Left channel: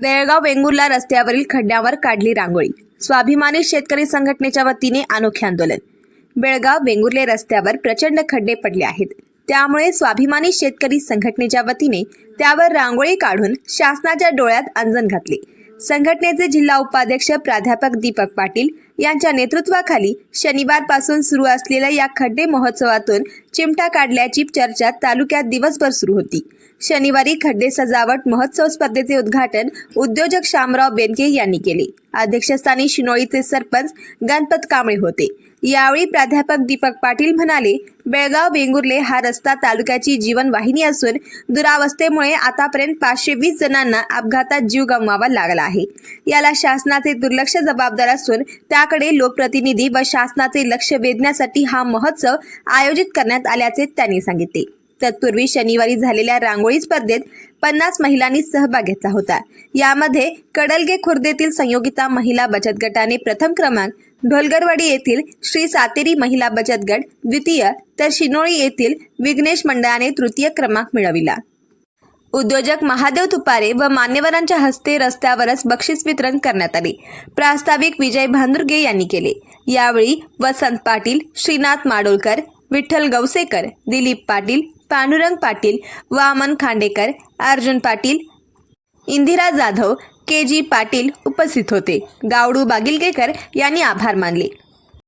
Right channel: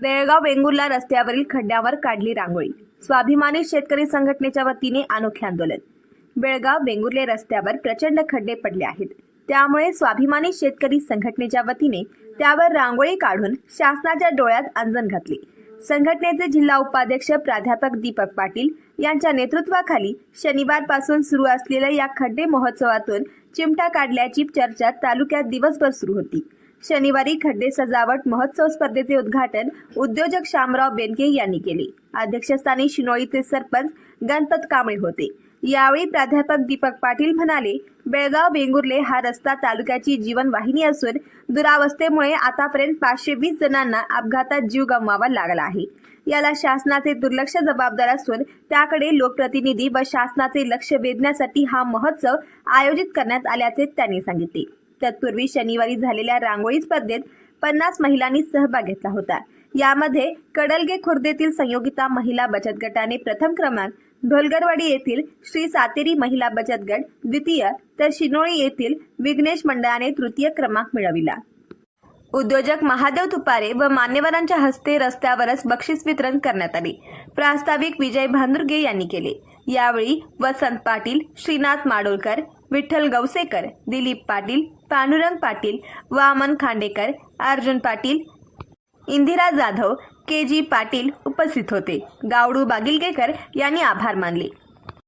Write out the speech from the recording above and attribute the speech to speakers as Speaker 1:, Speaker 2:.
Speaker 1: बेळगाव वेंगुर्ला रस्त्यावरील खड्ड्यावर काढली रांगोळी. स्वाभिमानी शेतकरी संघटनेच्या वतीने अनोखे आंदोलन. बेळगाव वेंगुर्ले रस्त्यावर प्रचंड खड्डे पडले आहेत. त्यामुळे स्वाभिमानी शेतकरी संघटनेच्या वतीने त्यावर रांगोळी काढून शासनाच्या डोळ्यात अंजन घातले. संघटनेचे जिल्हा उपाध्यक्ष प्राध्यापक दीपक पाटील यांच्या नेतृत्वाखाली शनिवारपासून सुरू असलेल्या या खड्डे महोत्सवातून चिमटा काढल्याची चर्चा तालुक्यात दिवसभर सुरू होती. शनिवारी खड्डे सजावट महोत्सव स्पर्धेचे उद्घाटन उद्योजक शामराव बेनके यांनी केले. अध्यक्षस्थानी शिनोळीचे सरपंच गणपत कांबळे होते. यावेळी प्राध्यापक दीपक पाटील म्हणाले बेळगाव वेंगुर्ले हा रस्ता तालुक्याची जीवनवाहिनी असून दुरावस्थेमुळे आतापर्यंत पाचशे वीस जणांना अपघातात जीव गमवावा लागला आहे. याला शासनाचे दुर्लक्ष जबाबदार असून त्याकडे लोकप्रतिनिधी व शासनाचे लक्ष वेधण्यासाठी हा महोत्सव आयोजित करण्यात आल्याचे त्यांनी सांगितले. तत्पूर्वी शनिवारी झालेल्या रांगोळी स्पर्धेत पन्नास महिलांनी सहभाग घेतला होता. यामध्ये कडलगे खुर्देतील संयोगिता महिला बचत गटाने प्रथम क्रमांक ढोलगरवाडी येथील श्री सातेरी महिला बचत गट द्वितीय तर शिनोळी येथील विघ्नेश मंडळाने तृतीय क्रमांक मिळविला. उद्योजक महादेव तुपारे व मान्यवरांच्या हस्ते रस्त्यावरच बक्षीस वितरण करण्यात आले. प्रास्ताविक विजय भांदुर्गे यांनी केले. यावेळी वसंत पाटील श्रीनाथ माडोलकर विठ्ठल गवसेकर दिलीप पाटील पांडुरंग पाटील वामन खांडेकर अर्जुन पाटील इंदिरा जाधव के जी पाटील उपस्थित होते. गावडू बागिलगेकर यांनी आभार मानले.